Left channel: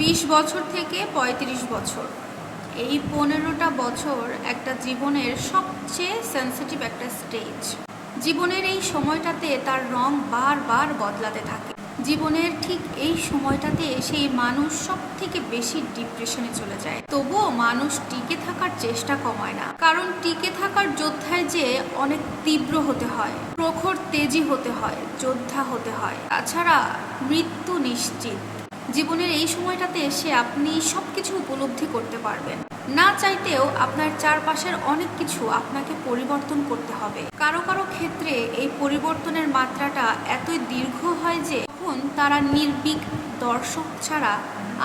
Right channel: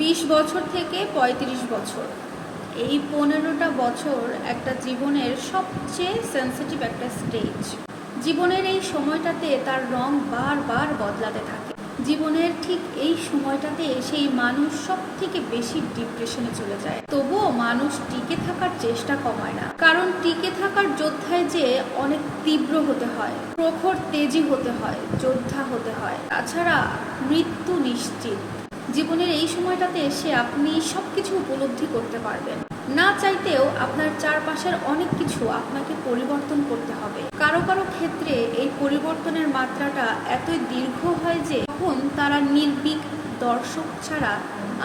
বিশ বছর থেকে পঁয়ত্রিশ বছর। এই পনেরোটা বছর একটা জীবনের সবচেয়ে সেন্সিটিভ একটা স্টেজ জীবনের এই সময়টাতে তার রং বারবার বদলাতে থাকে। জীবনের ঠিক এই সময়টাতে সেই মানুষ সব থেকে বেশি ডিপ্রেশনে চলে যায়। তবুও মানুষ টিকে থাকার চেষ্টা কমায় না। কারণ টিকে থাকার যোদ্ধায় যে অনেক তীব্র হতে হয়, প্রখর তেজি হতে হয়, যোদ্ধা হতে হয়। তাছাড়া মৃত্যু নিশ্চিত। জীবনের এই সময়টাতে এসে আপনি সব কিছু উপলব্ধি করতে পারবেন। না চাইতেও আপনার চারপাশের অনেক কিছু আপনাকে পরিবর্তন করতে হবে। কারও কারও ক্ষেত্রে এই পরিবর্তনের মাত্রাটা এতই দীর্ঘ হয় যে তখন তারা নির্বিক দর্শক ছাড়া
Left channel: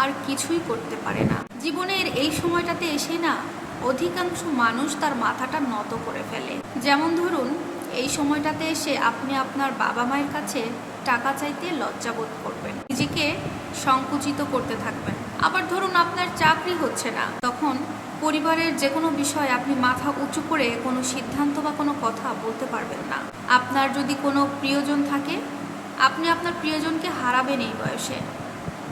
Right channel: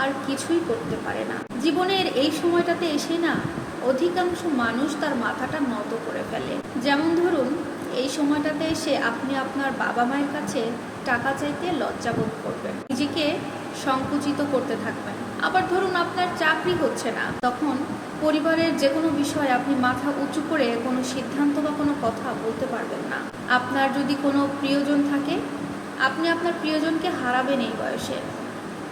আর কিছুই করতে পারে না। জীবনের এই সময়টাতে এসে না অধিকাংশ মানুষ তার মাথাটা নত করে ফেলে। যেমন ধরুন, এই সময়টাতে এসে আপনি আপনার বাবা মায়ের কাছে টাকা চাইতে লজ্জাবোধ করবেন। নিজেকে সংকুচিত করতে থাকবেন। আবার ধরুন আপনার চাকরি হচ্ছে না, তখন পরিবারের যে কোনো বিষয়ে আপনি মাথা উঁচু করে কোনো সিদ্ধান্ত বা কোনো কথা বলতে পারবেন না। আপনার যদি কোনো প্রিয়জন থাকে, আপনি আপনার প্রিয়জনকে হারাবেন এই বয়সে।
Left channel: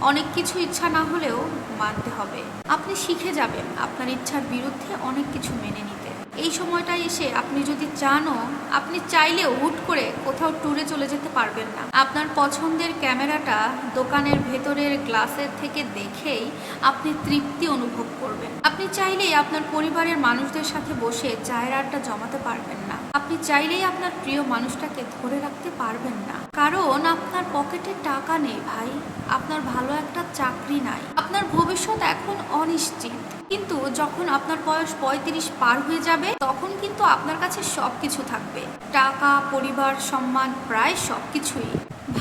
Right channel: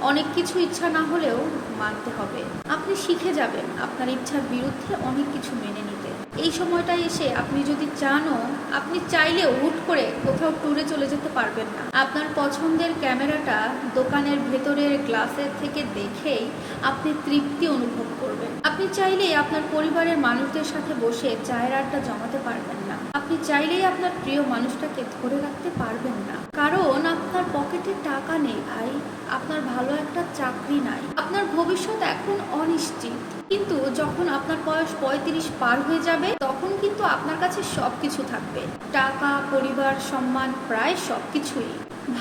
অনেক কিছু ইচ্ছা না হলেও মানতে হবে। আপনি শিখে যাবেন, আপনার ইচ্ছার বিরুদ্ধে অনেক কিছু মেনে নিতে। এই সময়টা এসে আপনি যদি চানও, আপনি চাইলেও হুট করে কোথাও ট্যুরে চলে যেতে পারবেন না। আপনার পছন্দের ক্যামেরাটা দোকানের ভেতরের গ্লাসের থেকে দেখেই আপনি তৃপ্তি অনুভব করবেন। আপনি চাইলেই আপনার পরিবারের মানুষদের সাথে বসে চায়ের আড্ডা জমাতে পারবেন না। আপনি চাইলেই আপনার প্রিয় মানুষটাকে ধরে রাখতে পারবেন না। কারণ আপনার টাকা নেই ভাই আপনার ভালো একটা চাকরি নাই। আপনার ভবিষ্যৎ এখন অনিশ্চিত। কিন্তু যখন আপনার বয়স পঁয়ত্রিশ পার হয়ে যাবে, তখন কিন্তু আপনার কাছে সব কিছু থাকবে। টাকা, পরিবার, সম্মান, প্রায় সব কিছুই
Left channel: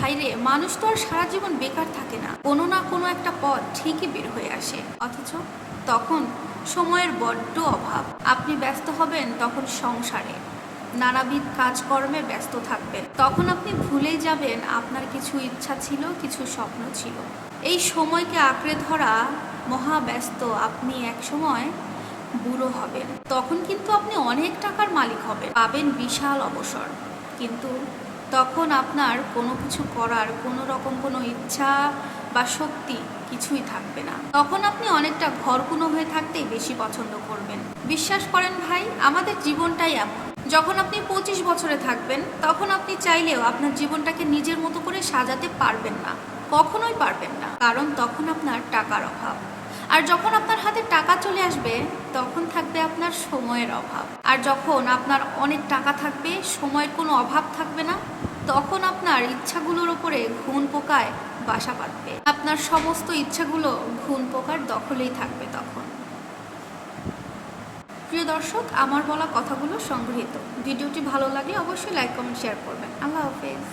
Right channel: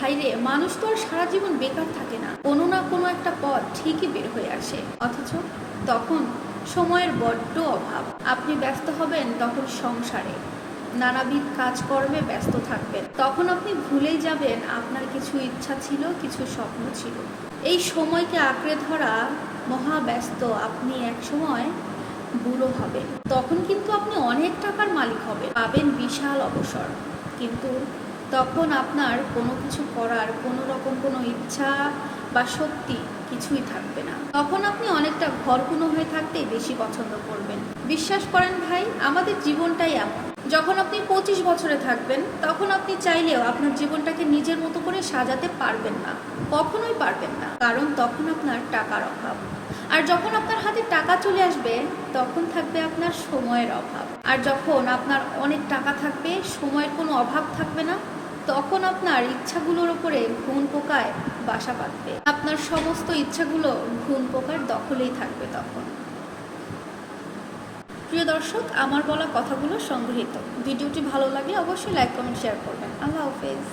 ভাইরে, মানুষ তো আর সারা জীবন বেকার থাকে না। কোনো না কোনো একটা পথ ঠিকই বের হয়ে আসে। অথচ তখন সময়ের বড্ড অভাব। আপনি ব্যস্ত হবেন তখন সংসারে। নানাবিধ কাজকর্মে ব্যস্ত থাকবেন। তখন আপনি ভুলেই যাবেন, আপনার কিছু ইচ্ছা ছিল, কিছু স্বপ্ন ছিল। এই সময়কে আঁকড়ে ধরা মহা ব্যস্ত আপনি এক সময় বুড়ো হবেন। তখন কিন্তু আপনি অনেক টাকার মালিক হবেন, পাবেন বিশাল অবসর। কিন্তু তখন আপনার কোনো কিছু করার, কোনো রকম কোনো ইচ্ছা বা শক্তি কিছুই থাকবে না। তখন আপনি অনেকটা ঘরকুনো হয়ে থাকতেই বেশি পছন্দ করবেন। বিশ্বাস করেন ভাই, আমাদের জীবনটাই এমন। যখন আপনি পঁচিশ বছরে থাকবেন, তখন আপনি চাইলেও আপনার জীবনটাকে নিজের মতো করে সাজাতে পারবেন না। কখনোই পারবেন না। কারণ তখন আপনার টাকার অভাব। আর যখন আপনার হাতে টাকা চলে আসবে, তখন থাকবে আপনার সময়ের অভাব। আর যখন আপনার অনেক টাকা থাকবে, সময়ের কোনো অভাব থাকবে না, তখন আপনার ইচ্ছাগুলোর ওপরে ঘুণ পোকায় বাসা বাঁধবে। আপনার সমস্ত ইচ্ছাগুলো ঘুণ পোকার দখলেই থাকবে তখন। প্রিয় দর্শক, আমার বলা কথাগুলো সংগৃহীত। ভিডিওটি ভালো লাগলে অবশ্যই লাইক কমেন্ট শেয়ার করবেন। আল্লাহ হাফেজ।